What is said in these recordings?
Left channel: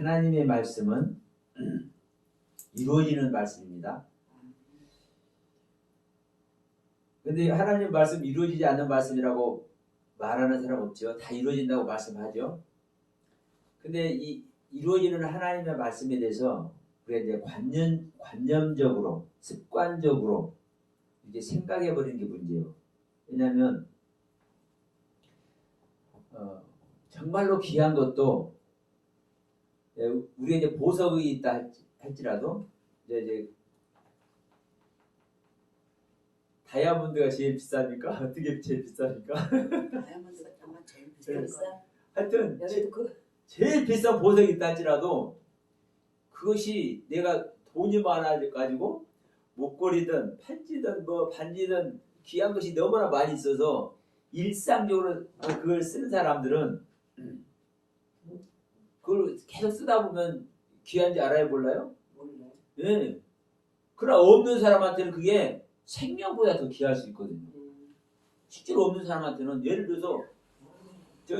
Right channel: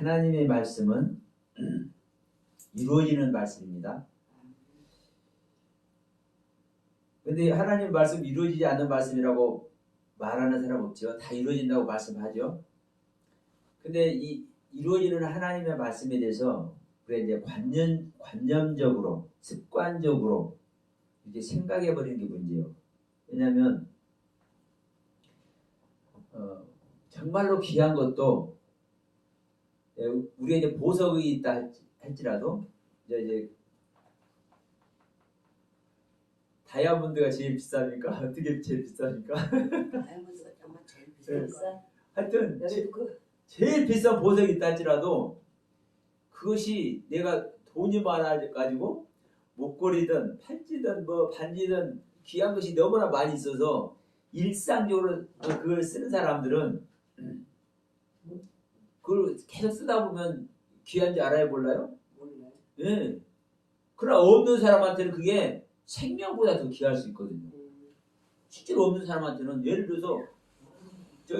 하나님의 말씀은 이루어지는 말씀입니다. 근데 하나님 말씀 이루어지지 않는 말씀이라고 말하는 사람 없죠. 다 이루어진다고 말씀하죠. 근데 이 이루어지는 하나님의 말씀에 대해서 우리가 이제 관념적으로, 습관적으로 이제 생각해 버리는 게 문제예요. 왜냐하면 정말로 귀한 것도 우리가 이제 보석이 있다 할지라도 이제 다이아몬드가 제일 비쌉니까? 어떻게 제일 비쌉니까? 다이아몬드가 정말 제일 비싸. 하여튼 제일 비싼 보석이 있다 할지라도 그것이 내가 돈이 많아가지고 목걸이든 팔찌든 뭐 반지든 귀한 것이 너무나 많이 있어서 일상적으로 그걸 쓰는 사람들은 그걸 계속 쓰다 보면 귀한지 알아야 몰라요? 몰라요. 예. 그러나 없는 사람한테는 그게 생명보다 더 귀할 수 있거든요. 실제로 없는 사람한테는 예를 들어서 저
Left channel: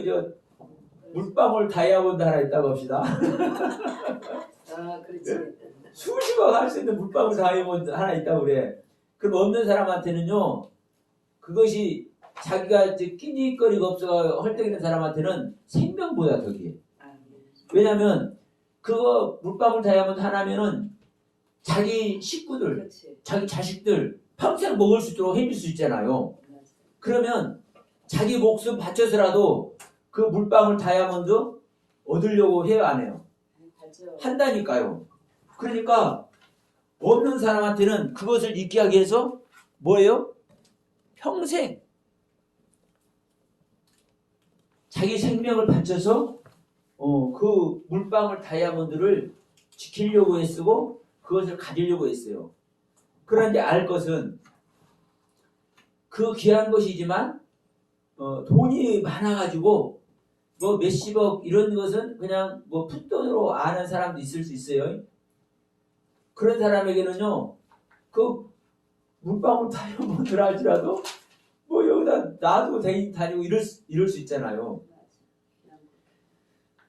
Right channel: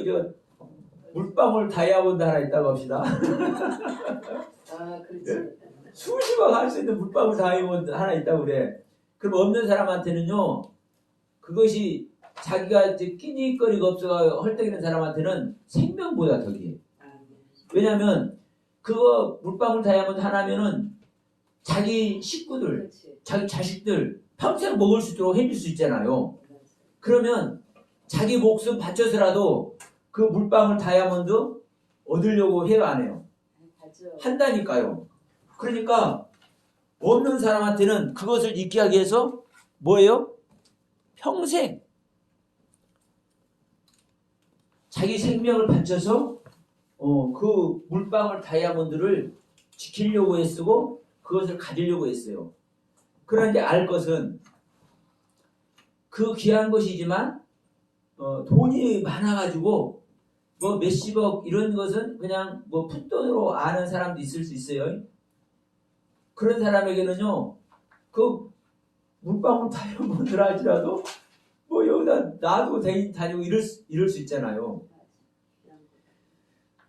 물방울 다이아몬드 하나 있다고 합시다. 아, 그렇지. 수십억 할 수 있는 물방울 다이아몬드 하나 있다고 그래. 그럼 없는 사람한테는요, 그것이 자기가 끼니거리가 없어서 헐떡이는 사람한테는 생명보다 더 귀해. 왜냐면 그거 물방울 다이아몬드 하나면은 자기 식구들, 그렇지. 자기 자식들 평생 먹을 수 있도록 해줄 수 있잖아요. 그러면 자기 목숨 바쳐서라도 그 물방울 다이아몬드 얻으려고 해요, 안 해요? 한다니까요. 그러니까 없는 사람한테는 그것을 잊게 하기 위해서 뭐예요? 평생 자기 생명을 바쳐서 그 물방울 다이아몬드를 지키려고 애쓰고 그것을 가지려고 했어요. 그러나 이제 알 것은 그 귀한 것이지만 돈이 많아가지고 뭐 몇십억 이런 것은 그냥 뭐 푼돈으로 아는 사람도 있을 수 있어요. 그런 사람에게는요, 그 물방울 다이아몬드를 할지라도 뭐 여기다 놔두고 다니고 이럴 수 있잖아요.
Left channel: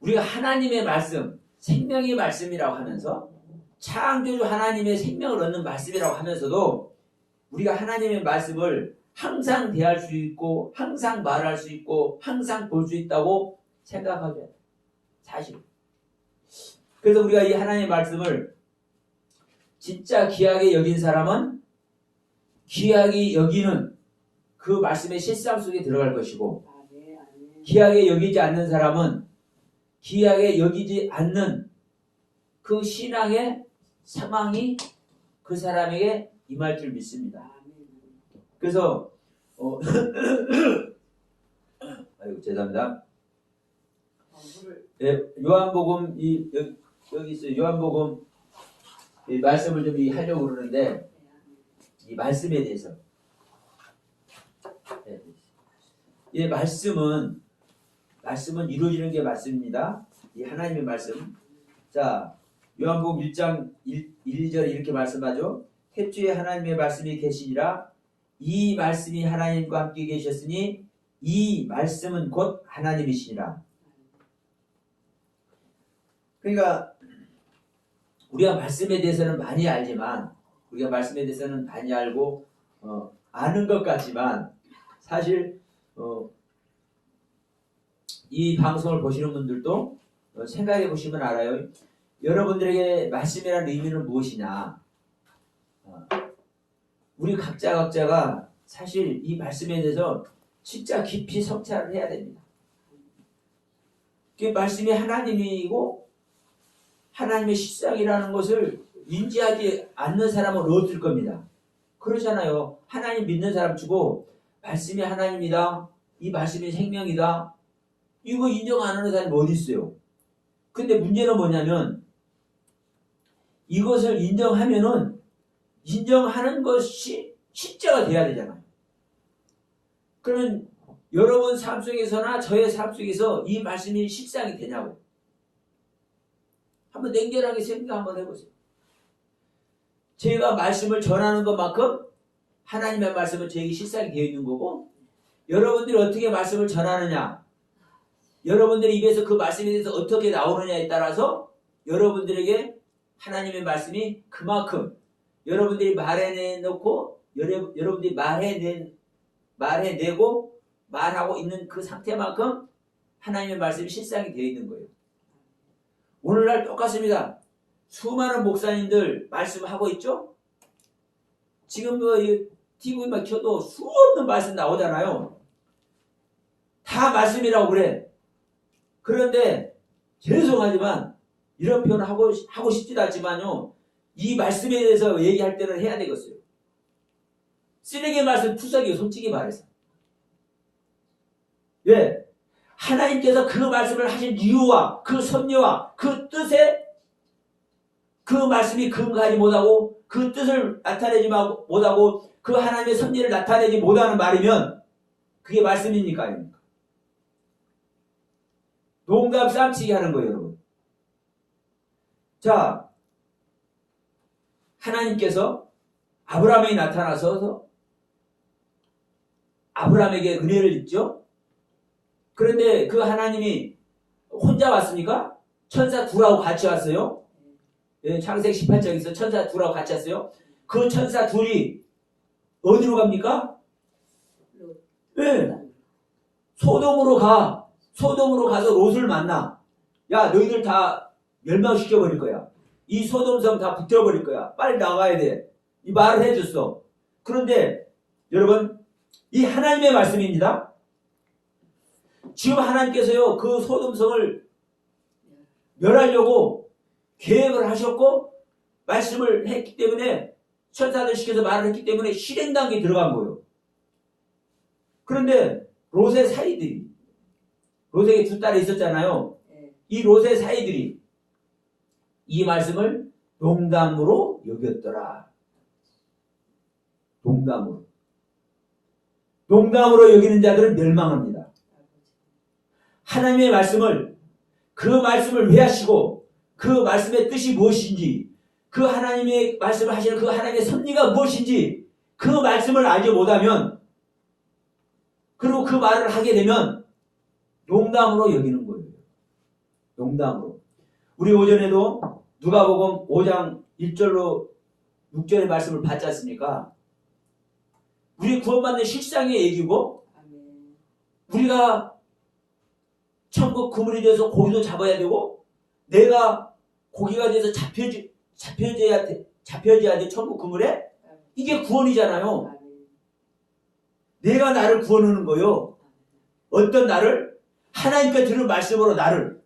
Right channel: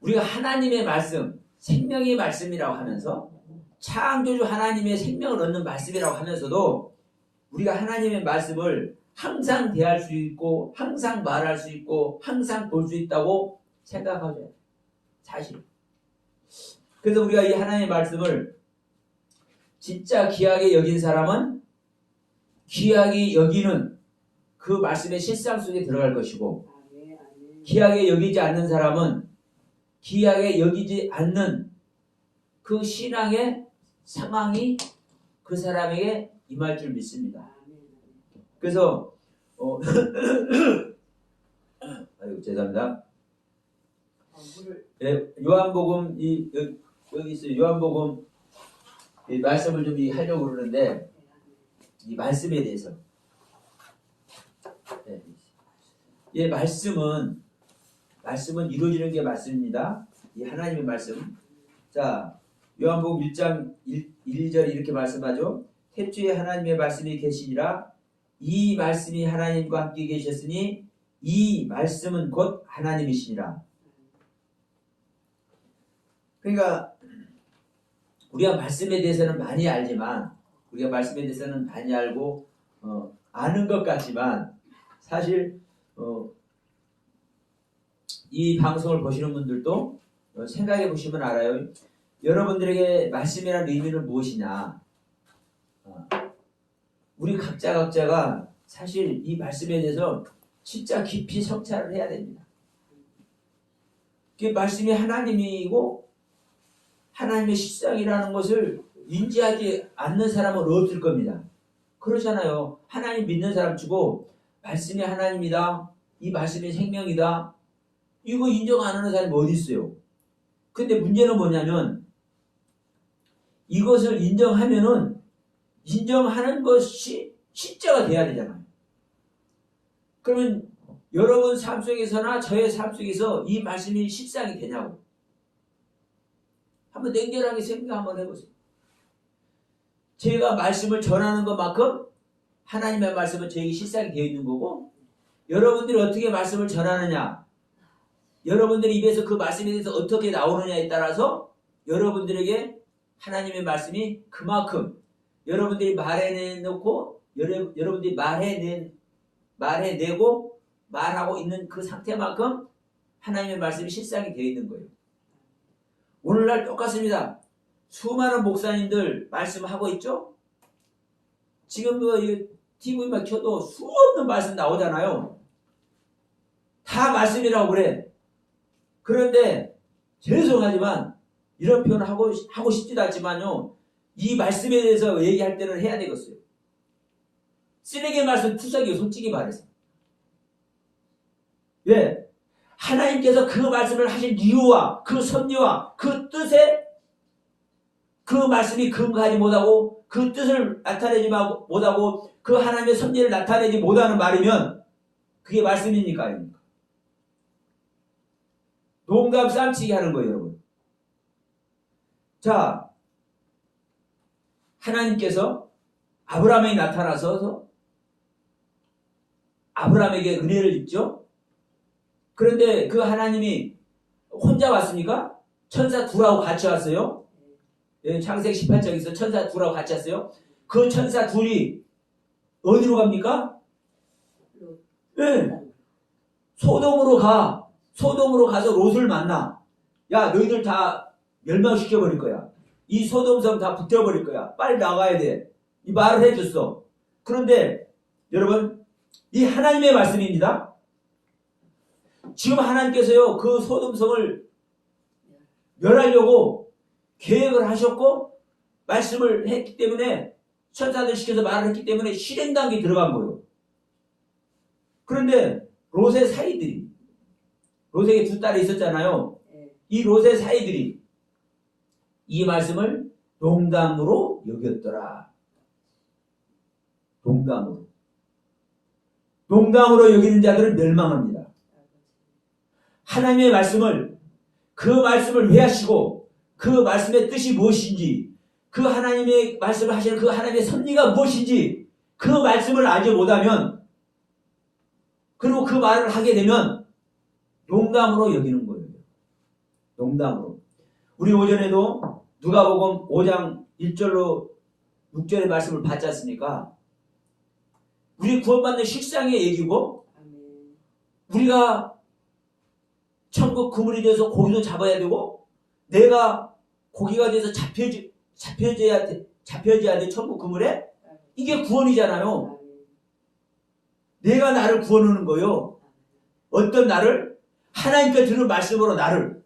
우리가 하나님의 말씀, 생명의 말씀이라고 하면서 창조주 하나님의 생명을 얻는 말씀이라고 하면서도 우리가 하나님의 말씀을 항상 대할 수 있고 항상 말할 수 있고 항상 볼 수 있다고 생각하죠. 사실. 그래서 우리가 이 하나님의 말씀을 진짜 귀하게 여긴 사람은 귀하게 여기는 그 말씀의 실상 속에 들어갈 것이고, 귀하게 여기지 않는 사람은 귀하게 여기지 않는 그 신앙의 상황이 그 사람에게 임할 줄 믿습니다. 그래서 아이고 죄송합니다. 요한복음 여기 있어요. 요한복음 이 말씀을 좀 하려고 그러는데 이 말씀에 대해서 이 말씀은 이루어지는 게 말씀입니다. 이 하나님의 말씀. 자, 요한복음 1장 1절 이렇게 말씀하죠. 태초에 하나님의 말씀이 계시니라. 이 말씀이 하나님과 함께 계셨으니 이 말씀은 곧 하나님이시니라. 그러니까 우리가 말씀에 대해서는 많이 알지만, 우리가 말씀에 대해서는 많이 알고 아는 것 같지만 사실 이 방송을 보시는 분들도 생각해 보시면 알아요. 여러분들에게 말씀이라는 의미는 무엇이냐? 우리 각자가 사실 이 말씀에 대해서 진짜 깊이 성찰을 해야 됩니다. 그 말씀이 하나님이고 하나님의 실상이라는 것을 인지하지 않는 사람은 없을 겁니다. 그렇잖아요. 하나님 믿는 사람 치고 말씀이 하나님이다, 이 말씀이 생명이다, 이거 인정 안 하는 사람이 어디 있어요? 근데 문제는 뭐냐면 이것을 인정하면은 인정하는 것이 실제가 돼야 되잖아요. 그러면 여러분 삶 속에서나 저의 삶 속에서 이 말씀이 실상이 되냐고 한번 냉정하게 생각 한번 해보세요. 제가 말씀을 전하는 것만큼 하나님의 말씀은 저에게 실상이 되어 있는 거고, 여러분들이 어떻게 말씀을 전하느냐, 여러분들의 입에서 그 말씀에 대해서 어떻게 나오느냐에 따라서 여러분들에게 하나님의 말씀이 그만큼 여러분들이 말해내놓고 여러분들이 말해내고 말하고 있는 그 상태만큼 하나님의 말씀이 실상이 되어 있는 거예요. 오늘날 똑같습니다. 수많은 목사님들 말씀하고 있죠? 지금 TV만 켜도 수없는 말씀 나오잖아요. 다 말씀이라고 그래. 그런데 죄송하지만 이런 표현을 하고 싶지도 않지만요. 이 말씀에 대해서 얘기할 때는 해야 되겠어요. 쓰레기 말씀 투석이에요. 솔직히 말해서. 왜? 하나님께서 그 말씀을 하신 이유와 그 섭리와 그 뜻에 그 말씀이 근거하지 못하고 그 뜻을 나타내지 못하고 그 하나님의 섭리를 나타내지 못하는 말이면 그게 말씀입니까? 아닙니까? 농담 쌈치기 하는 거예요, 여러분. 자, 하나님께서 아브라함에게 나타나서 아브라함에게 은혜를 줬죠. 그런데 그 하나님이 혼자 왔습니까? 천사 둘하고 같이 왔어요. 예, 창세기 18장에서 천사 둘하고 같이 왔어요. 그 천사 둘이 어디로 갑니까? 예, 소돔으로 가. 소돔으로 가서 롯을 만나. 야, 너희들 다 멸망시켜버릴 거야. 이 소돔성 다 붙여버릴 거야. 빨리 나가야 돼. 이 말을 해줬어. 그런데 여러분, 이 하나님의 말씀입니다. 지금 하나님께서요, 그 소돔성을 멸하려고 계획을 하셨고 말씀을 했기 때문에 천사들 시켜서 말을 했기 때문에 실행 단계에 들어간 거예요. 그런데 롯의 사이들이, 롯에게 두 딸이 있었잖아요. 이 롯의 사이들이 이 말씀을 농담으로 여겼더라. 농담으로 여기는 자들은 멸망합니다. 하나님의 말씀을, 그 말씀을 왜 하시고 그 말씀의 뜻이 무엇인지, 그 하나님의 말씀을 하시는 그 하나님의 섭리가 무엇인지 그 말씀을 알지 못하면, 그리고 그 말을 하게 되면 농담으로 여기는 거예요. 농담으로. 우리 오전에도 누가복음 5장 1절로 6절의 말씀을 봤지 않습니까? 우리 구원받는 실상의 얘기고, 우리가 천국 그물이 돼서 고기도 잡아야 되고, 내가 고기가 돼서 잡혀져야 돼, 천국 그물에. 이게 구원이잖아요. 내가 나를 구원하는 거요. 어떤 나를? 하나님께 들은 말씀으로 나를.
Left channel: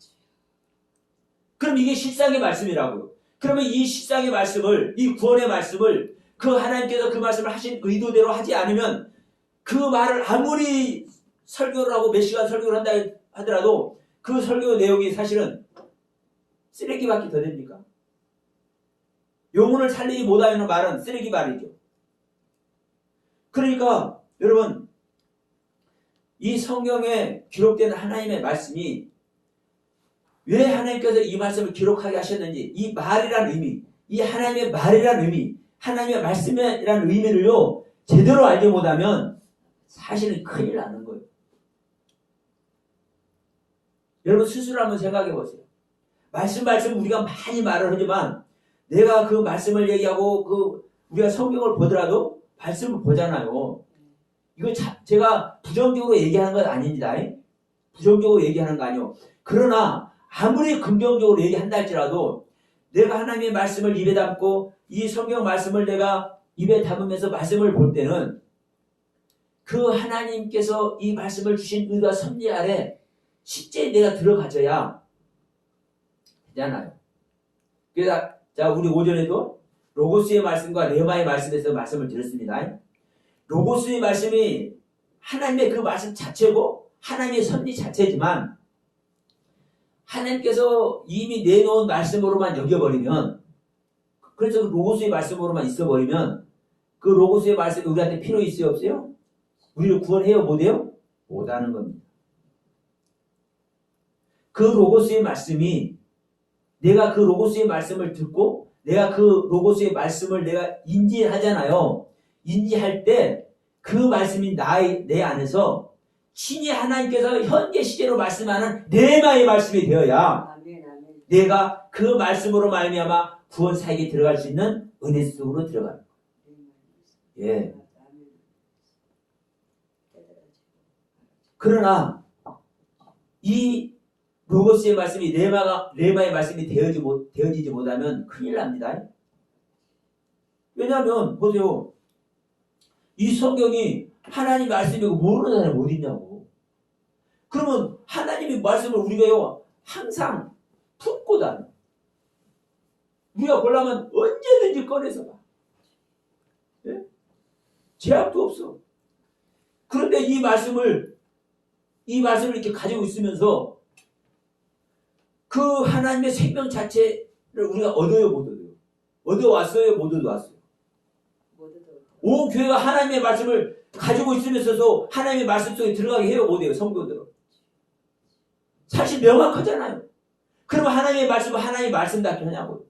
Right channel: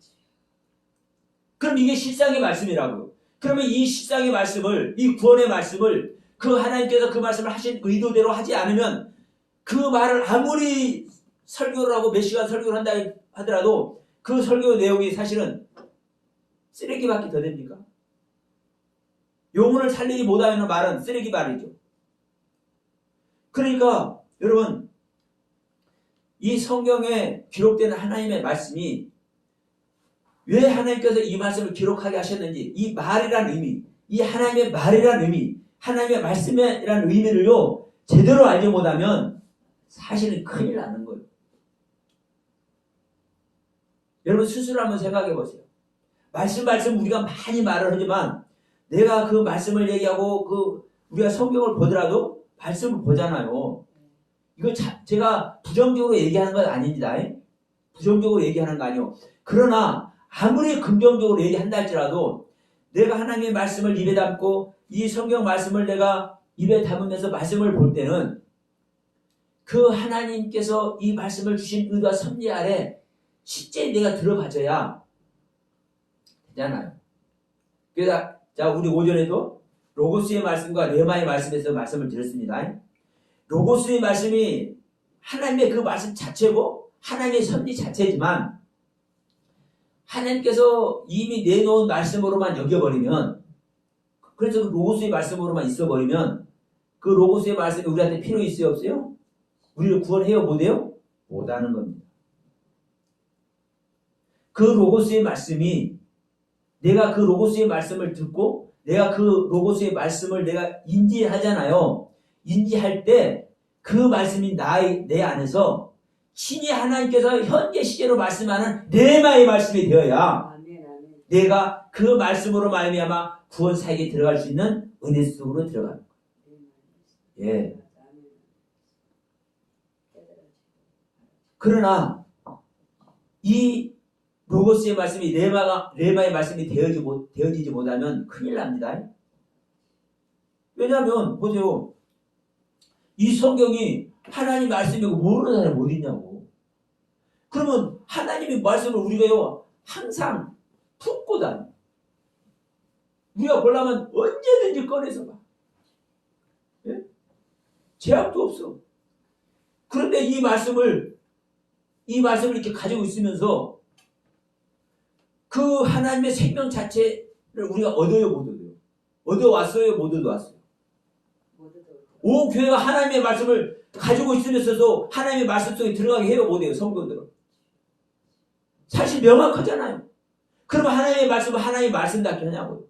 그럼 이게 실상의 말씀이라고요. 그러면 이 실상의 말씀을, 이 구원의 말씀을 그 하나님께서 그 말씀을 하신 의도대로 하지 않으면, 그 말을 아무리 설교를 하고 몇 시간 설교를 한다 하더라도 그 설교 내용이 사실은 쓰레기밖에 더 됩니까? 영혼을 살리지 못하는 말은 쓰레기 말이죠. 그러니까 여러분, 이 성경에 기록된 하나님의 말씀이 왜 하나님께서 이 말씀을 기록하게 하셨는지, 이 말이라는 의미, 이 하나님의 말이라는 의미, 하나님의 말씀이라는 의미를요 제대로 알지 못하면 사실은 큰일 나는 거예요. 여러분 스스로 한번 생각해 보세요. 말씀 우리가 많이 말을 하지만 내가 그 말씀을 얘기하고 우리가 성경을 보더라도 말씀을 보잖아요. 이거 제가 부정적으로 얘기하는 건 아닙니다. 부정적으로 얘기하는 거 아니에요. 그러나 아무리 긍정적으로 얘기한다 할지라도 내가 하나님의 말씀을 입에 담고 이 성경 말씀을 내가 입에 담으면서 말씀을 볼 때는 그 하나님께서 이 말씀을 주신 의도와 섭리 아래 실제 내가 들어가져야 되잖아요. 그래서 자, 우리 오전에도 로고스의 말씀과 레마의 말씀에서 말씀을 드렸습니다. 로고스의 말씀이 하나님의 그 말씀 자체고 하나님의 섭리 자체지만, 하나님께서 이미 내놓은 말씀으로만 여겨버리면, 그래서 그 로고스의 말씀으로만 있어버리면 그 로고스의 말씀이 우리한테 필요 있어요, 없어요? 우리를 구원해요, 못해요? 못하는 겁니다. 그 로고스의 말씀이, 내가 그 로고스의 말씀을 듣고 내가 그 로고스의 말씀을 내가 인지하잖아요. 인지할 때 그 말씀이 내 안에서 친히 하나님께서 현재 시제로 말씀하는 레마의 말씀이 되어야 내가 그 말씀으로 말미암아 구원 사역에 들어갈 수 있는 은혜 속으로 들어가는 거예요. 예. 그러나 이 로고스의 말씀이 레마의 말씀이 되어지지 못하면 큰일 납니다. 왜냐하면 보세요. 이 성경이 하나님 말씀이고 모르는 사람이 어디 있냐고. 그러면 하나님의 말씀을 우리가요 항상 품고 다녀. 우리가 보려면 언제든지 꺼내서 봐. 예? 제약도 없어. 그런데 이 말씀을 이렇게 가지고 있으면서 그 하나님의 생명 자체를 우리가 얻어요, 못 얻어요? 얻어왔어요, 못 얻어왔어요? 온 교회가 하나님의 말씀을 가지고 있으면서도 하나님의 말씀 속에 들어가게 해요, 못 해요, 성도들은? 사실 명확하잖아요. 그러면 하나님의 말씀을 하나님의 말씀답게 하냐고요.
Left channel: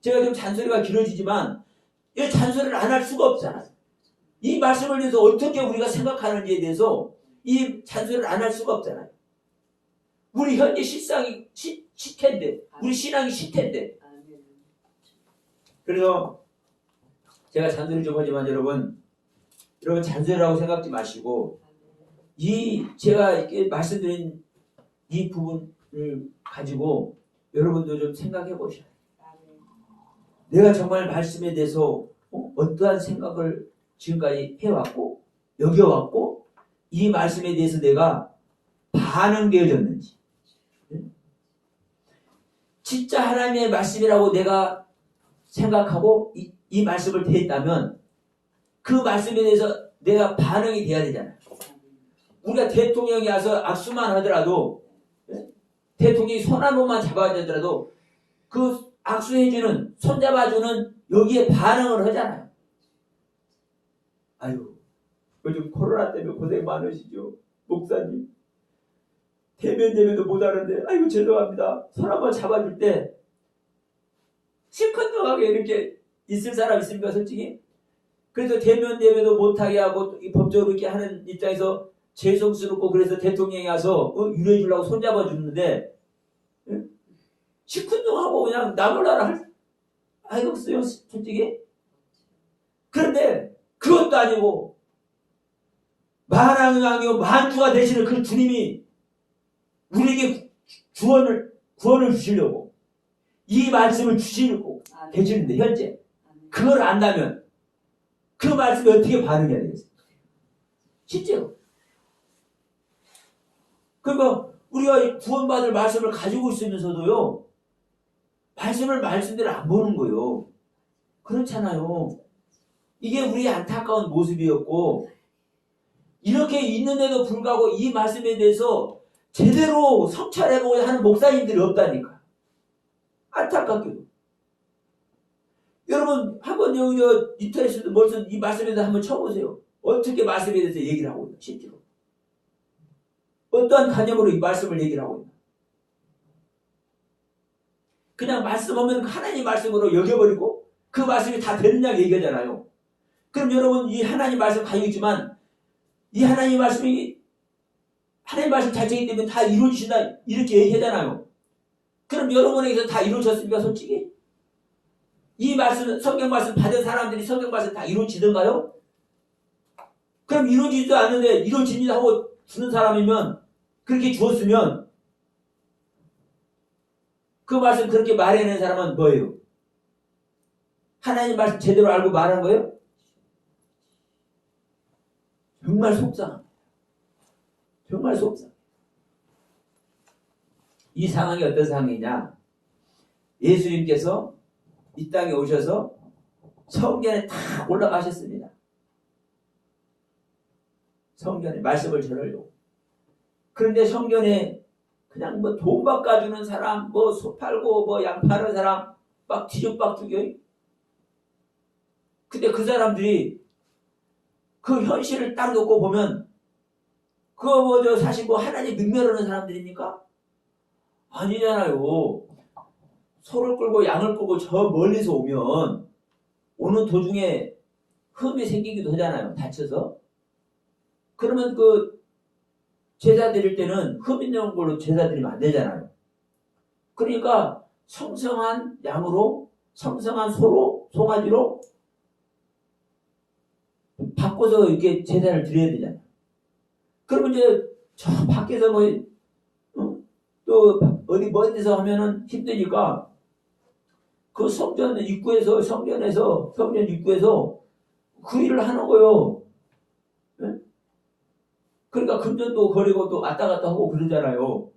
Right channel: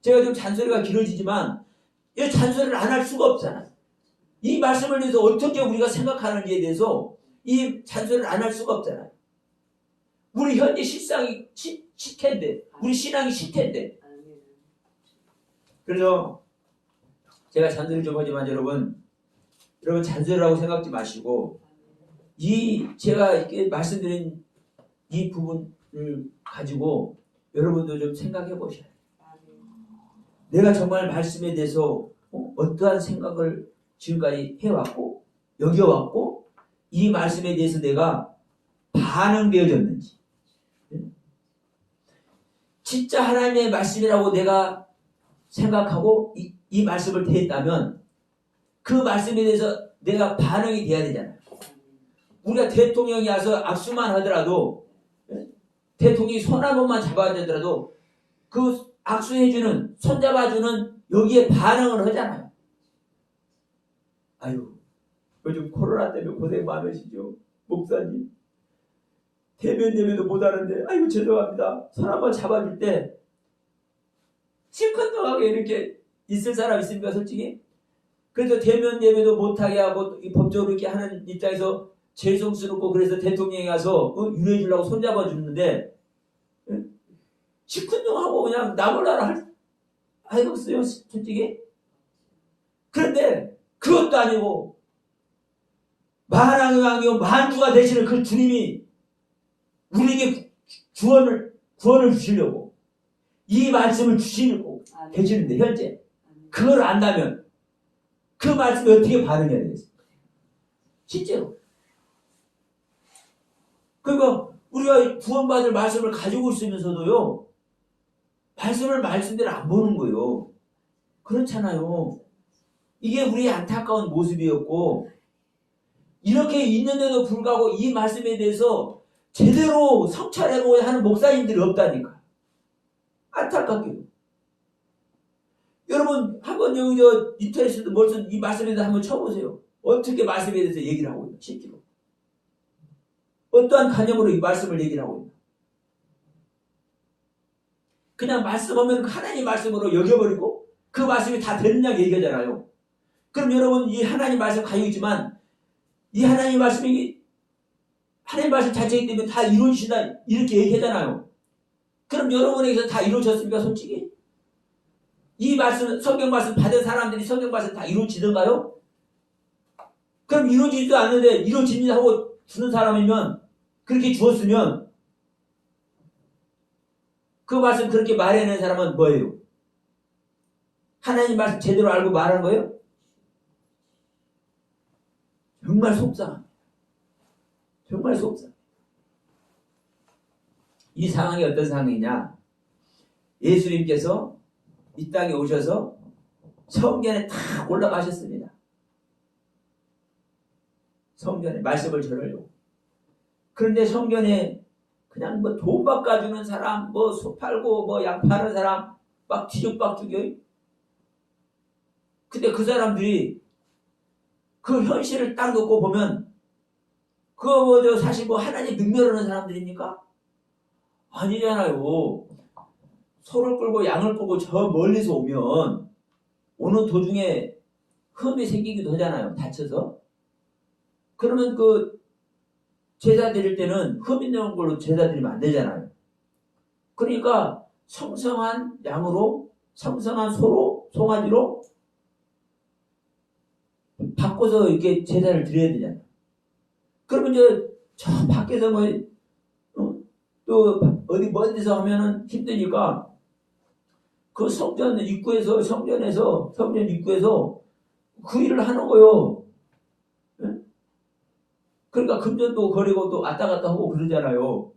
제가 좀 잔소리가 길어지지만 이 잔소리를 안 할 수가 없잖아요. 이 말씀을 대해서 어떻게 우리가 생각하는지에 대해서 이 잔소리를 안 할 수가 없잖아요. 우리 현재 실상이 시태인데, 우리 신앙이 시태인데. 그래서 제가 잔소리 좀 하지만 여러분 잔소리라고 생각지 마시고 제가 이렇게 말씀드린 이 부분을 가지고 여러분도 좀 생각해 보셔야 돼요. 내가 정말 말씀에 대해서 어떠한 생각을 지금까지 해왔고 여겨왔고 이 말씀에 대해서 내가 반응되어졌는지, 진짜 하나님의 말씀이라고 내가 생각하고 이 말씀을 대했다면 그 말씀에 대해서 내가 반응이 돼야 되잖아요. 우리가 대통령이 와서 악수만 하더라도, 대통령이 손 한 번만 잡아야 되더라도 그 악수해주는, 손잡아주는 여기에 반응을 하잖아요. 아유, 요즘 코로나 때문에 고생 많으시죠? 목사님. 대면 예배도 못하는데 아이고 죄송합니다. 손 한번 잡아줄 때 시큰둥하게 이렇게 있을 사람 있습니까, 솔직히? 그래서 대면 예배도 못하게 하고 법적으로 이렇게 하는 입장에서 죄송스럽고 그래서 대통령이 와서 유료해 주려고 손잡아 주는데 시큰둥하고 그냥 나몰라라 하겠어요, 솔직히? 그런데 그것도 아니고 만왕의 왕이요 만주가 되시는 그 주님이 우리에게 구원을 주시려고 이 말씀을 주시고 계시는데 현재 그걸 안다면 그 말씀에 어떻게 반응해야 되겠습니까? 실제로. 그러니까 우리가 구원받을 말씀을 가지고 있으면서도요 말씀을 말씀대로 안 보는 거예요. 그렇잖아요. 이게 우리의 안타까운 모습이었고 이렇게 있는데도 불구하고 이 말씀에 대해서 제대로 성찰해보고자 하는 목사님들이 없다니까. 안타깝게도. 여러분 한번 여기 인터넷에도 벌써 이 말씀에 대해서 한번 쳐보세요. 어떻게 말씀에 대해서 얘기를 하고 있나 실제로. 어떠한 관념으로 이 말씀을 얘기를 하고 있나. 그냥 말씀하면 하나님 말씀으로 여겨버리고 그 말씀이 다 되느냐고 얘기하잖아요. 그럼 여러분 이 하나님 말씀 가지고 있지만 이 하나님 말씀이 하나님 말씀 자체이기 때문에 다 이루어지신다 이렇게 얘기하잖아요. 그럼 여러분에게서 다 이루어졌습니까, 솔직히? 이 말씀, 성경 말씀 받은 사람들이 성경 말씀 다 이루어지던가요? 그럼 이루어지지도 않는데 이루어집니다 하고 주는 사람이면 그렇게 주었으면 그 말씀 그렇게 말해낸 사람은 뭐예요? 하나님 말씀 제대로 알고 말한 거예요? 정말 속상합니다. 정말 속상. 이 상황이 어떤 상황이냐? 예수님께서 이 땅에 오셔서 성전에 탁 올라가셨습니다. 성전에 말씀을 전하려고. 그런데 성전에 그냥 뭐 돈 바꿔주는 사람, 뭐 소 팔고 뭐 양 파는 사람 막 뒤죽박죽이요. 근데 그 사람들이 그 현실을 딱 놓고 보면 그거 뭐죠? 사실 뭐 하나님 능멸하는 사람들입니까? 아니잖아요. 소를 끌고 양을 끌고 저 멀리서 오면 오는 도중에 흠이 생기기도 하잖아요. 다쳐서. 그러면 그 제사 드릴 때는 흠 있는 걸로 제사 드리면 안 되잖아요. 그러니까 성성한 양으로, 성성한 소로, 송아지로 바꿔서 이렇게 제사를 드려야 되잖아. 그러면 이제 저 밖에서 뭐, 또 어디 먼 데서 하면은 힘드니까 그 성전 입구에서, 성전 입구에서 그 일을 하는 거요. 예? 그러니까 금전도 거리고 또 왔다 갔다 하고 그러잖아요.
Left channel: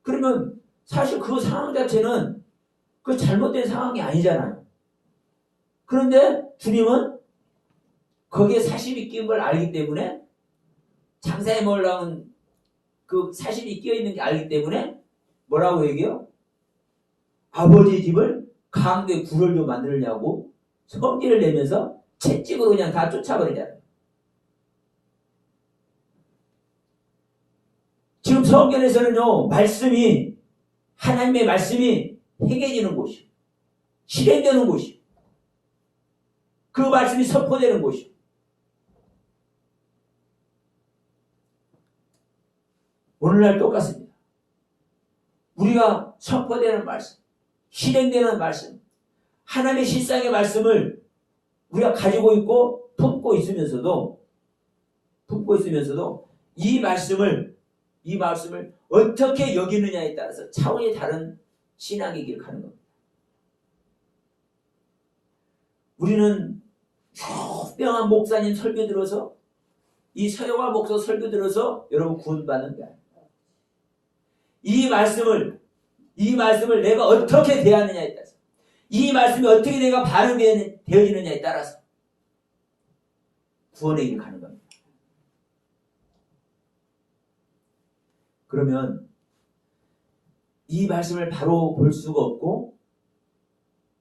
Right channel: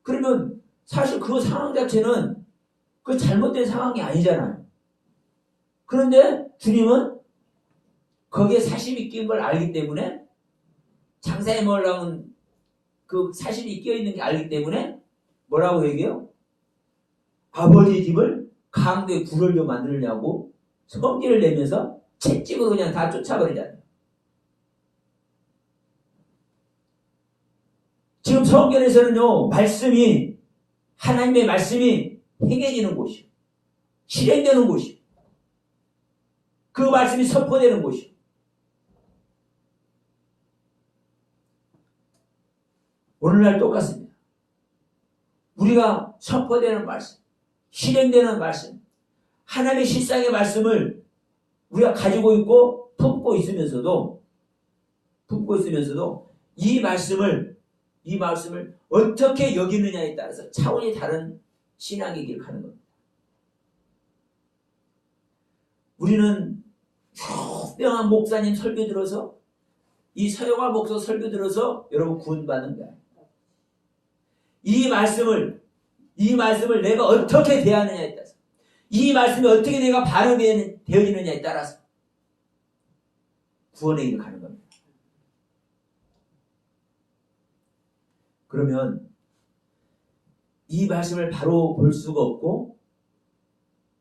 그러면 사실 그 상황 자체는 그 잘못된 상황이 아니잖아요. 그런데 주님은 거기에 사심이 끼인 걸 알기 때문에, 장사에 먹으려면 그 사심이 끼어 있는 게 알기 때문에 뭐라고 얘기해요? 아버지 집을 강도에 굴을 좀 만들려고 성질을 내면서 채찍으로 그냥 다 쫓아버리잖아요. 지금 성경에서는요, 말씀이, 하나님의 말씀이 행해지는 곳이요, 실행되는 곳이요, 그 말씀이 선포되는 곳이요. 오늘날 똑같습니다. 우리가 선포되는 말씀, 실행되는 말씀, 하나님의 실상의 말씀을 우리가 가지고 있고 품고 있으면서도 이 말씀을 어떻게 여기느냐에 따라서 차원이 다른 신앙의 길을 가는 겁니다. 우리는 유명한 목사님 설교 들어서, 이 서영화 목사 설교 들어서 여러분 구원받는 거야. 이 말씀을 내가 어떻게 대하느냐에 따라서, 이 말씀이 어떻게 내가 반응되어지느냐에 따라서 구원의 길을 가는 겁니다. 그러면 이 말씀을 바로 볼 수가 없고,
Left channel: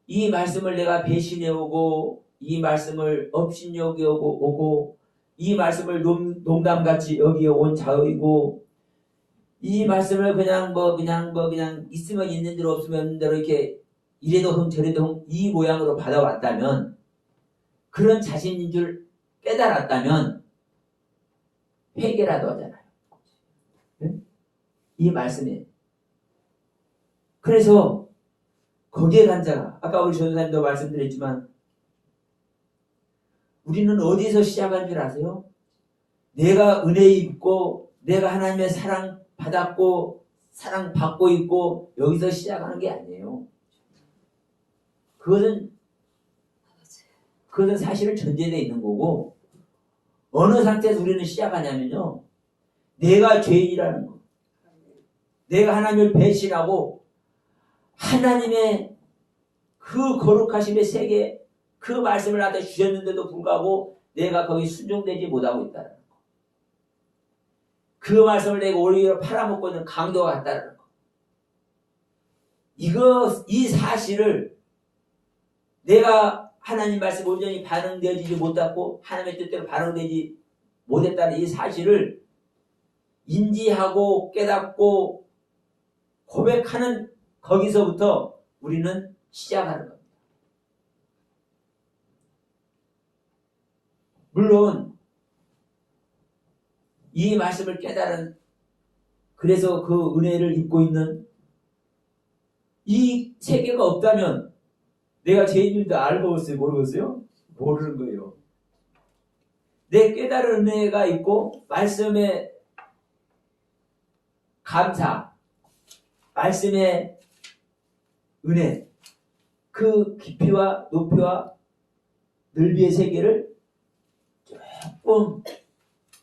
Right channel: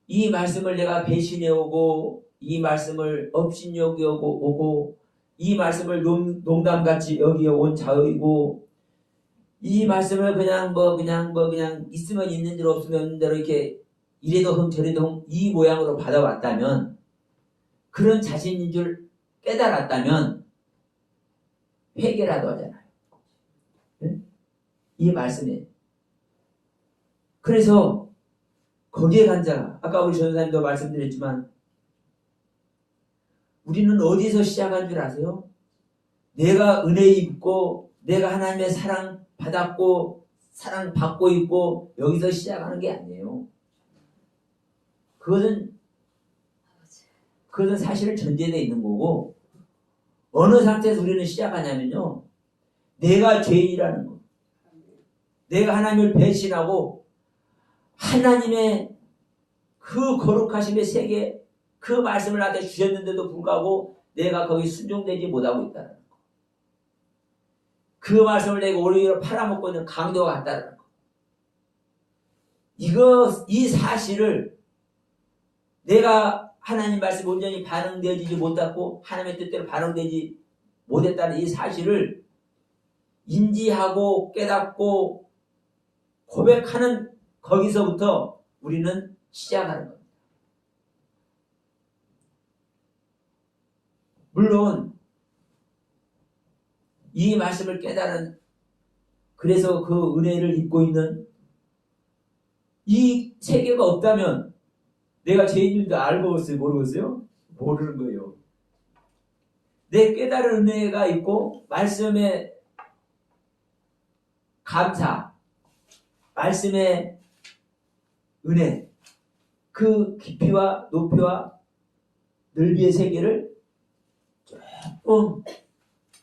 이 말씀을 내가 배신해오고, 이 말씀을 업신여겨 오고, 이 말씀을 농담같이 여기어온 자의고, 이 말씀을 그냥 있으면 있는 대로 없으면 없는 대로 이렇게 이래도 흥 저래도 흥 이 모양으로 받아왔다면, 그런 자신인 줄 깨달았다면 회개라도 하잖아요. 네? 이 말씀에. 그래서 거기에 간 자가, 아까 우리 전사님도 말씀드렸지만, 우리는 어디서 시작한 줄 아세요? 내가 은혜 입고, 내가 하나님의 사랑 받았고, 사랑 받고 있고, 여기서 시작하는 게 아니에요. 그것은 사실은 전제되어 있는 거고, 어느 상태에서 우리는 시작하냐면요, 내가 죄인이라는 거, 내가 하나님을 배신하고 하나님의 그 거룩하심의 세계, 그 말씀을 나한테 주셨는데도 불구하고 내가 거기 순종되지 못하고 있다는 거, 그 말씀을 내가 오히려 팔아먹고 있는 강도가 같다는 거, 이 사실을 내가 하나님 말씀 온전히 반응되지 못했고 하나님의 뜻대로 반응되지 못했다는 이 사실을 인지하고 깨닫고 고백하는, 거기서부터 우리는 시작하는 겁니다. 물론 이 말씀을 깨달은, 그래서 그 은혜를 입고 있는 이 세계가 없다면 내가 죄인 줄도 알고 있어요? 모르겠어요? 모르는 거예요. 내 깨달은 은혜가 있고 말씀의 감사, 말씀의 은혜, 그 깊이와 높이와 넓이의 세계를 조금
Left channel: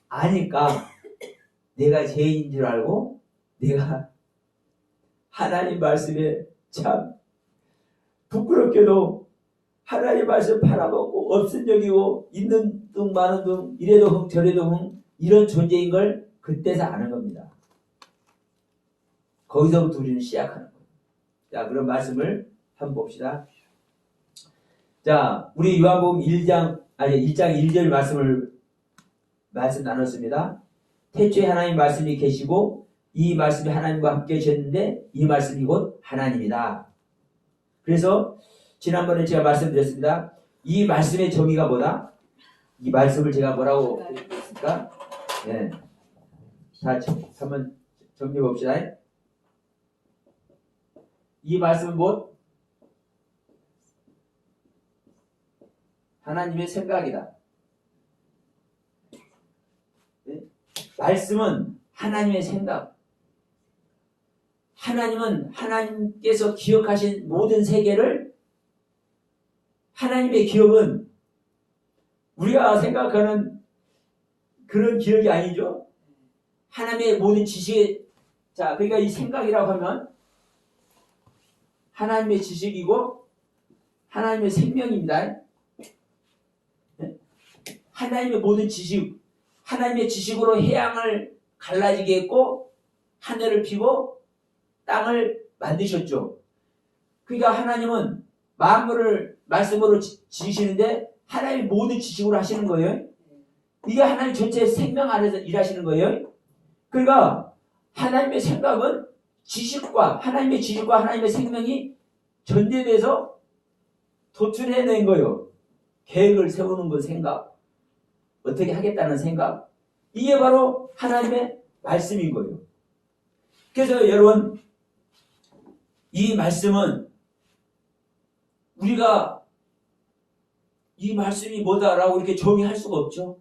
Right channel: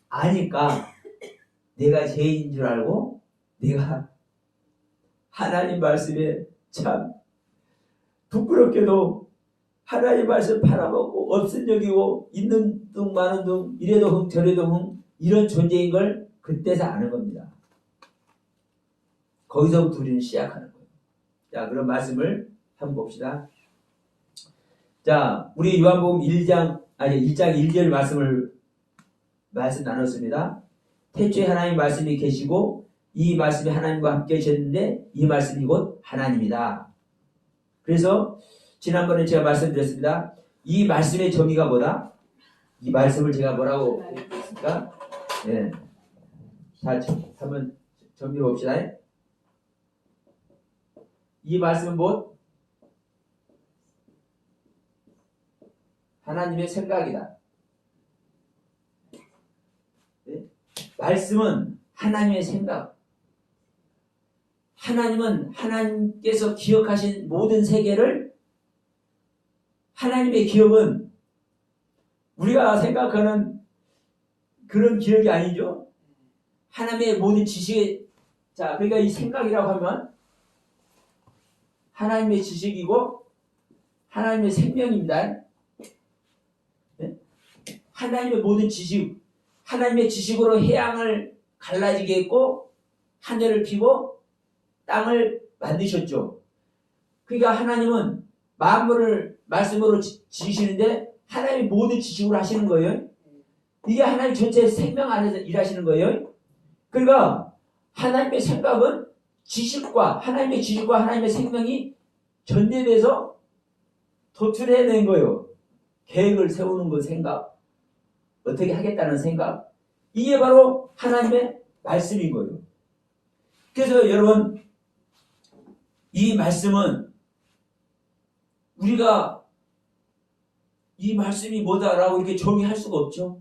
아니까 내가 죄인 줄 알고, 내가 하나님 말씀에 참 부끄럽게도 하나님 말씀 팔아먹고 없은 여기고 있는 둥 마는 둥 이래도 흥 저래도 흥 이런 존재인 걸 그때서 아는 겁니다. 거기서부터 우리는 시작하는 거예요. 자, 그런 말씀을 한번 봅시다. 자, 우리 요한복음 1장 1절 말씀 나눴습니다. 태초에 하나님 말씀이 계시고 이 말씀이 하나님과 함께 계셨는데 이 말씀이 곧 하나님이다. 그래서 지난번에 제가 말씀드렸습니다. 이 말씀의 정의가 뭐다? 이 말씀을 제가 뭐라고 했습니까? 네. 자, 한번 정리해 봅시다. 이 말씀은 뭐? 하나님의 생각이다. 네? 말씀은 하나님의 생각. 하나님은 하나님께서 기억하신 모든 세계를 하나님의 기억은 우리가 생각하는 그런 기억이 아니죠. 하나님의 모든 지식이 자 그러니까 이 생각이라고 하면 하나님의 지식이고 하나님의 생명입니다. 네? 하나님의 모든 지식 하나님의 지식으로 해양을 갈라지게 했고 하늘을 피고 땅을 만드셨죠. 그러니까 하나님은 만물을 말씀으로 지으시는데 하나님의 모든 지식으로 하시는 거예요. 이게 하나님 전체 생명 안에서 일하시는 거예요. 그러니까 하나님의 생각은 하나님의 지식과 하나님의 생명이 전제돼서 도출해낸 거예요. 계획을 세우는 그 생각, 어떻게 하겠다는 생각, 이게 바로 하나님의 말씀인 거예요. 그래서 여러분 이 말씀은 우리가 이 말씀이 뭐다라고 이렇게 정의할 수가 없죠.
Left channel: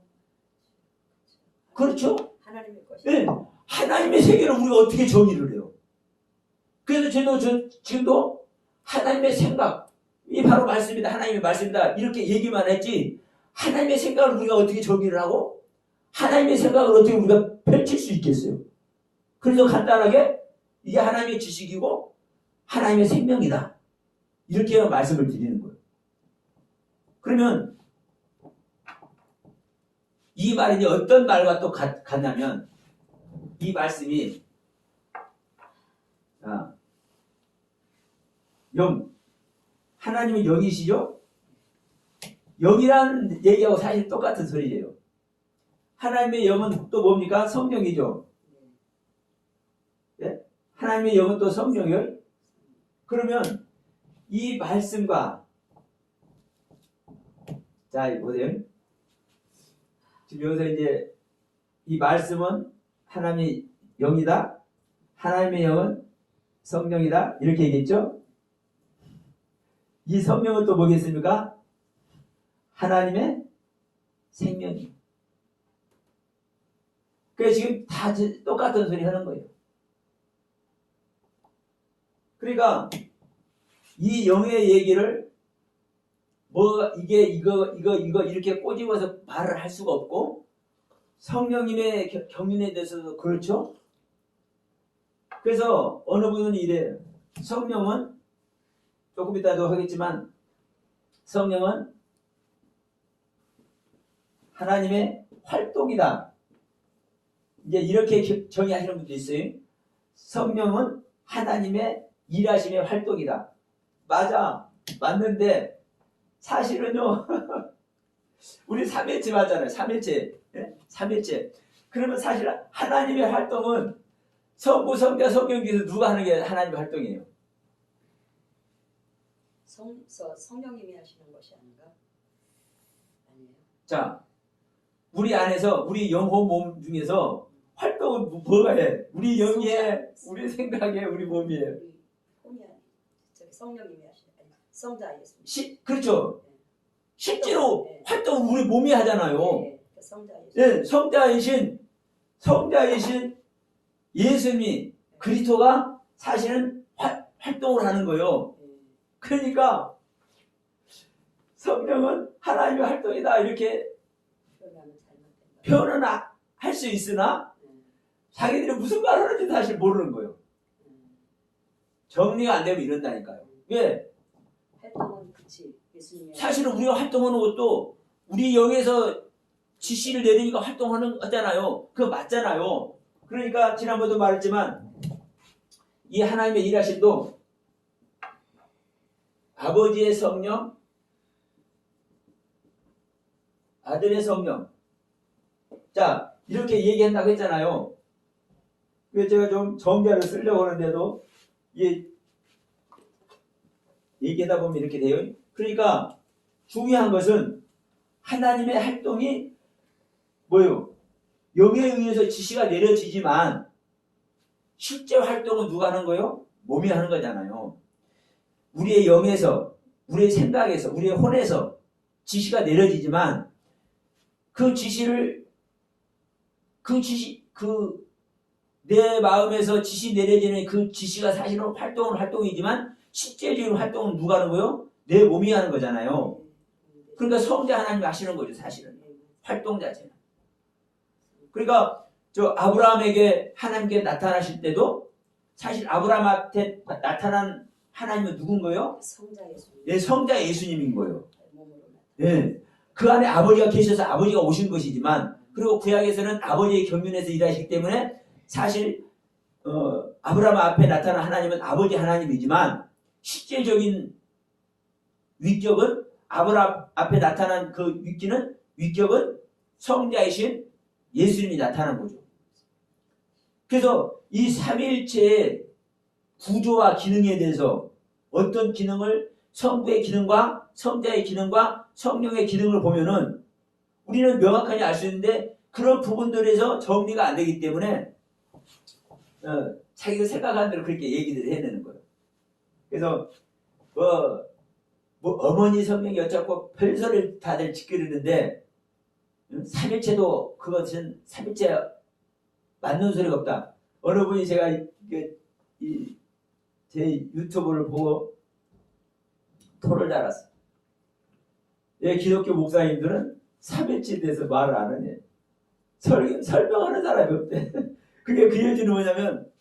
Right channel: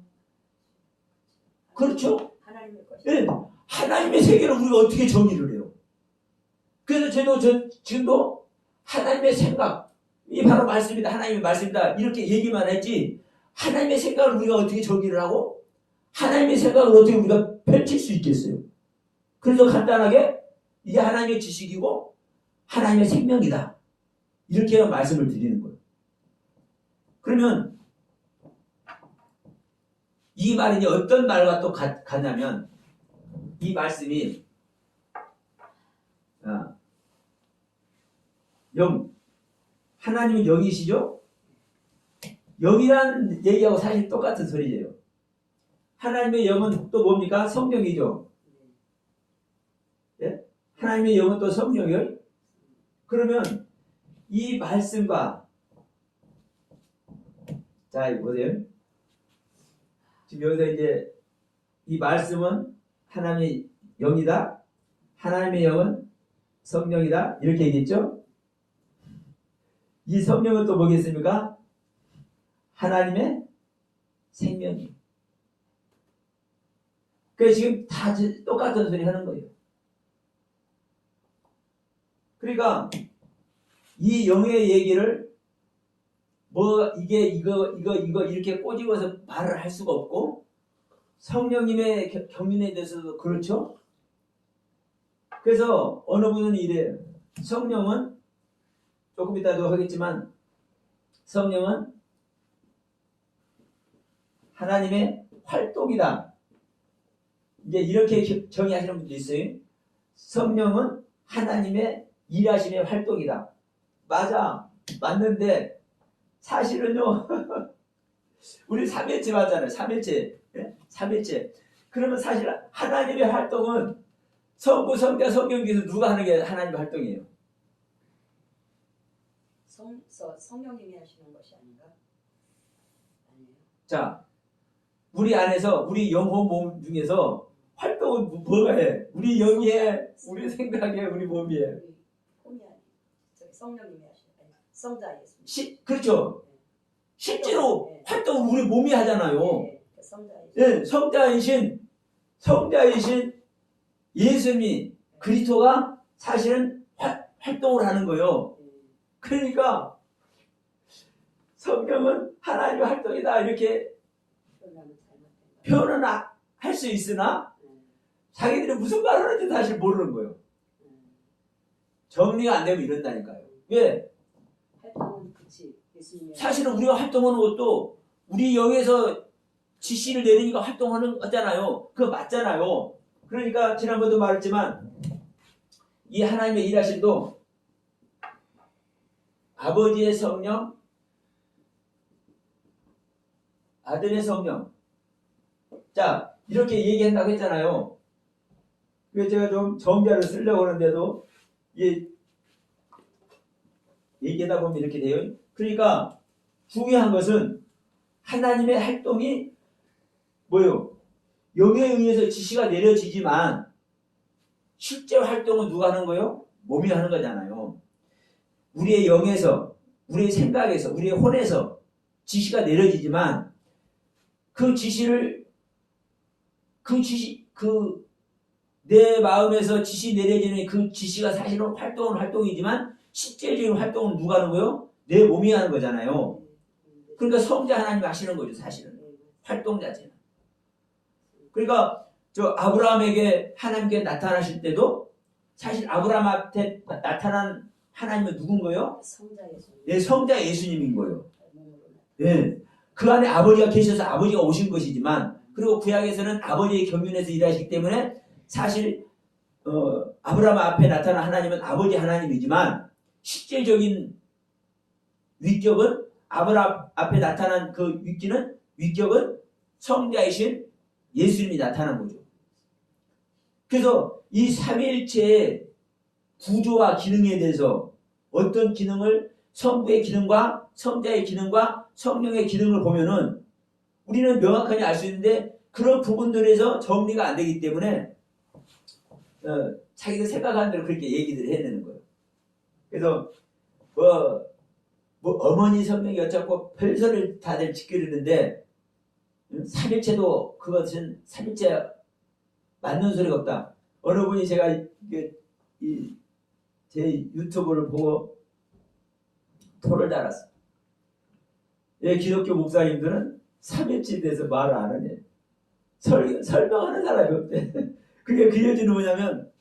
그렇죠? 하나님의 것이. 네. 하나님의 세계를 우리가 어떻게 정의를 해요? 그래서 지금도 하나님의 생각, 이 바로 말씀이다, 하나님의 말씀이다 이렇게 얘기만 했지 하나님의 생각을 우리가 어떻게 정의를 하고 하나님의 생각을 어떻게 우리가 펼칠 수 있겠어요? 그래서 간단하게 이게 하나님의 지식이고 하나님의 생명이다 이렇게 말씀을 드리는 거예요. 그러면 이 말이 어떤 말과 또 같냐면 이 말씀이 영 하나님은 영이시죠? 영이란 얘기하고 사실 똑같은 소리예요. 하나님의 영은 또 뭡니까? 성령이죠. 예? 하나님의 영은 또 성령이에요. 그러면 이 말씀과 자 보세요. 지금 여기서 이제 이 말씀은 하나님의 영이다. 하나님의 영은 성령이다. 이렇게 얘기했죠. 이 성령은 또 뭐겠습니까? 하나님의 생명이에요. 그래서 지금 다 똑같은 소리 하는 거예요. 그러니까 이 영의 얘기를 이게 이거 이렇게 꼬집어서 말을 할 수가 없고 성령님의 경륜에 대해서도 그렇죠. 그래서 어느 분은 이래요. 성령은 조금 이따도 하겠지만 성령은 하나님의 활동이다. 이제 이렇게 정의하시는 분도 있어요. 성령은 하나님의 일하심의 활동이다. 맞는데 사실은요 우리 삼일체 맞잖아요. 삼일체. 네? 삼일체. 그러면 사실 하나님의 활동은 성부, 성자, 성령 중에서 누가 하는 게 하나님의 활동이에요? 성령님이 하시는 것이 아닌가? 아니에요. 자, 우리 안에서 우리 영혼 몸 중에서 활동은 뭐가 해? 우리 영이에, 우리 생각에, 우리 몸이에. 몸이 아니. 저기 성령님이 하시는 거예요. 성자이겠습니다. 그렇죠. 실제로 활동은 우리 몸이 하잖아요. 성자이신. 성자이신 예수님이 그리스도가 사실은 활동을 하는 거예요. 그러니까 성령은 하나님의 활동이다 이렇게 표현은 할 수 있으나 자기들이 무슨 말을 하는지 사실 모르는 거예요. 정리가 안 되면 이런다니까요. 왜? 활동은 그치. 사실은 우리가 활동하는 것도 우리 영에서 지시를 내리니까 활동하는 거잖아요. 그거 맞잖아요. 그러니까 지난번에도 말했지만 이 하나님의 일하심도 아버지의 성령, 아들의 성령. 자, 이렇게 얘기한다고 했잖아요. 그래서 제가 좀 정자를 쓰려고 하는데도 얘기하다 보면 이렇게 돼요. 그러니까 중요한 것은 하나님의 활동이 뭐예요? 영에 의해서 지시가 내려지지만 실제 활동은 누가 하는 거예요? 몸이 하는 거잖아요. 우리의 영에서, 우리의 생각에서, 우리의 혼에서 지시가 내려지지만 그 지시를 내 마음에서 지시 내려지는 그 지시가 사실은 활동이지만 실제적인 활동은 누가 하는 거요? 내 몸이 하는 거잖아요. 그러니까 성자 하나님이 하시는 거죠, 사실은. 활동 자체는. 그러니까 저 아브라함에게 하나님께 나타나실 때도 사실 아브라함한테 나타난 하나님은 누군 거예요? 성자 예수님. 예, 성자 예수님인 거예요. 몸으로 나타나. 예. 그 안에 아버지가 계셔서 아버지가 오신 것이지만, 그리고 구약에서는 아버지의 경륜에서 일하시기 때문에 사실 아브라함 앞에 나타난 하나님은 아버지 하나님이지만 실제적인 위격은 아브라함 앞에 나타난 그 위격은 성자이신 예수님이 나타난 거죠. 그래서 이 삼위일체의 구조와 기능에 대해서 어떤 기능을 성부의 기능과 성자의 기능과 성령의 기능을 보면은 우리는 명확하게 알 수 있는데 그런 부분들에서 정리가 안 되기 때문에 자기가 생각하는 대로 그렇게 얘기들을 해내는 거예요. 그래서 뭐 어머니 성령이 어쩌고 별소리를 다들 짓기르는데 삼일체도 그것은 삼일체 맞는 소리가 없다. 어느 분이 제가 제 유튜브를 보고 토를 달았어요. 예, 기독교 목사님들은 삼일체에 대해서 말을 안 하네. 설명하는 사람이 없대. 그게 그 이유는 뭐냐면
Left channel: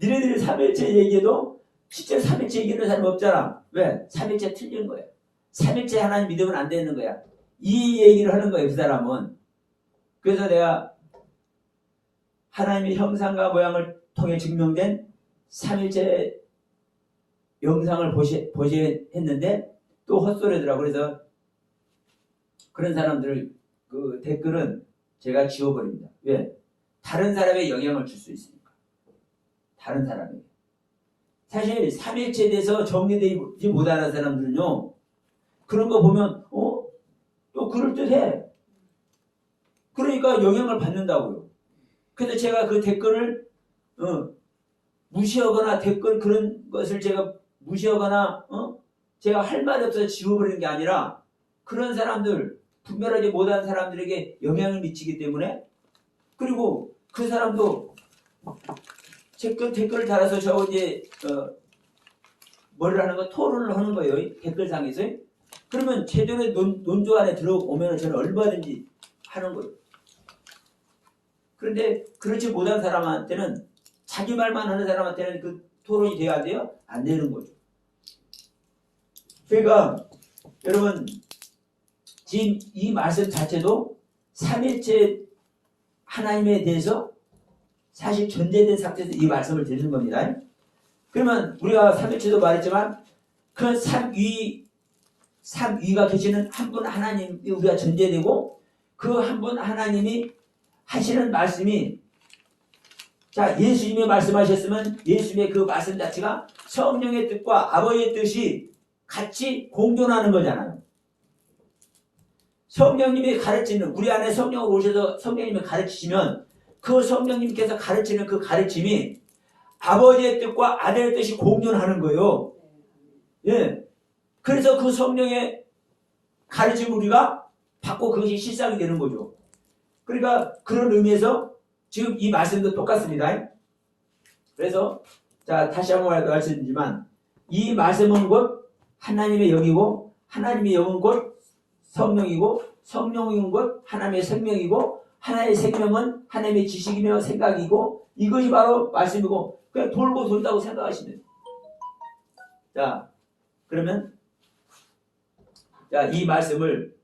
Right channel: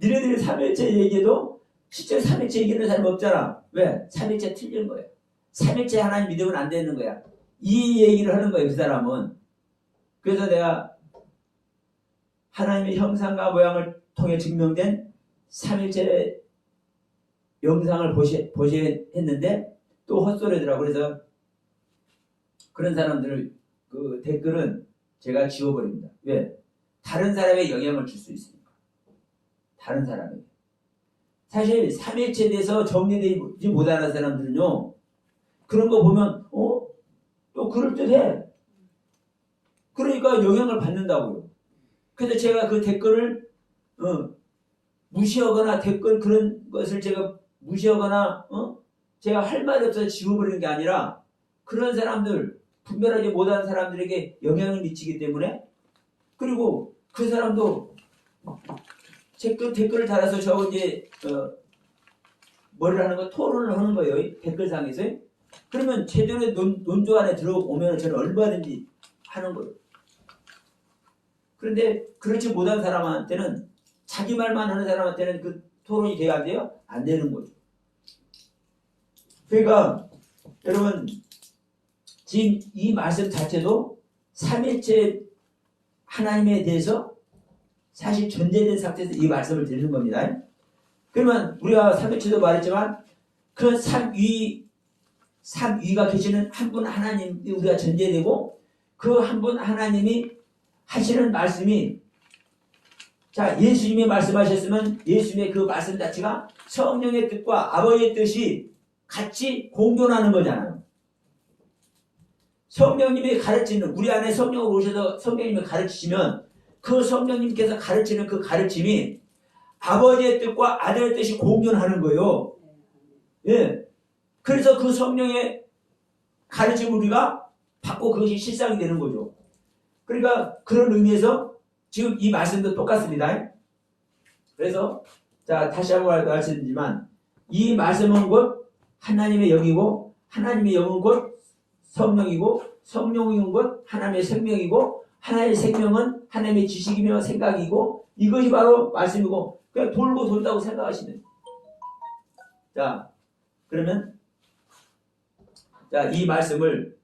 니네들이 삼일체 얘기해도 실제 삼일체 얘기하는 사람이 없잖아. 왜? 삼일체 틀린 거예요. 삼일체 하나님 믿으면 안 되는 거야. 이 얘기를 하는 거예요, 그 사람은. 그래서 내가 하나님의 형상과 모양을 통해 증명된 삼일체 영상을 보셔야 했는데 또 헛소리더라고. 그래서 그런 사람들 그 댓글은 제가 지워버립니다. 왜? 다른 사람의 영향을 줄 수 있으니까. 다른 사람에게. 사실 삼일체에 대해서 정리되지 못하는 사람들은요, 그런 거 보면 또 그럴듯해. 그러니까 영향을 받는다고요. 그래서 제가 그 댓글을 무시하거나 댓글 그런 것을 제가 무시하거나 제가 할 말이 없어서 지워버리는 게 아니라 그런 사람들, 분별하지 못한 사람들에게 영향을 미치기 때문에, 그리고 그 사람도 댓글을 달아서 저 이제 뭐를 하는 거, 토론을 하는 거예요, 댓글상에서. 그러면 제대로 논조 안에 들어오면 저는 얼마든지 하는 거예요. 그런데 그렇지 못한 사람한테는, 자기 말만 하는 사람한테는 그 토론이 돼야 안 돼요? 안 되는 거죠. 그러니까 여러분, 지금 이 말씀 자체도 삼일체 하나님에 대해서 사실 전제된 상태에서 이 말씀을 드리는 겁니다. 그러면 우리가 삼일체도 말했지만 그 삼위가 계시는 한 분 하나님이 우리가 전제되고, 그 한 분 하나님이 하시는 말씀이, 자, 예수님이 말씀하셨으면 예수님의 그 말씀 자체가 성령의 뜻과 아버지의 뜻이 같이 공존하는 거잖아요. 성령님이 가르치는, 우리 안에 성령으로 오셔서 성령님이 가르치시면 그 성령님께서 가르치는 그 가르침이 아버지의 뜻과 아들의 뜻이 공존하는 거예요. 예. 그래서 그 성령의 가르침을 우리가 받고 그것이 실상이 되는 거죠. 그러니까 그런 의미에서 지금 이 말씀도 똑같습니다. 그래서 자, 다시 한번 말씀드리지만 이 말씀은 곧 하나님의 영이고, 하나님의 영은 곧 성령이고, 성령인 것 하나님의 생명이고, 하나님의 생명은 하나님의 지식이며 생각이고, 이것이 바로 말씀이고, 그냥 돌고 돈다고 생각하시면 돼요. 자, 그러면 자, 이 말씀을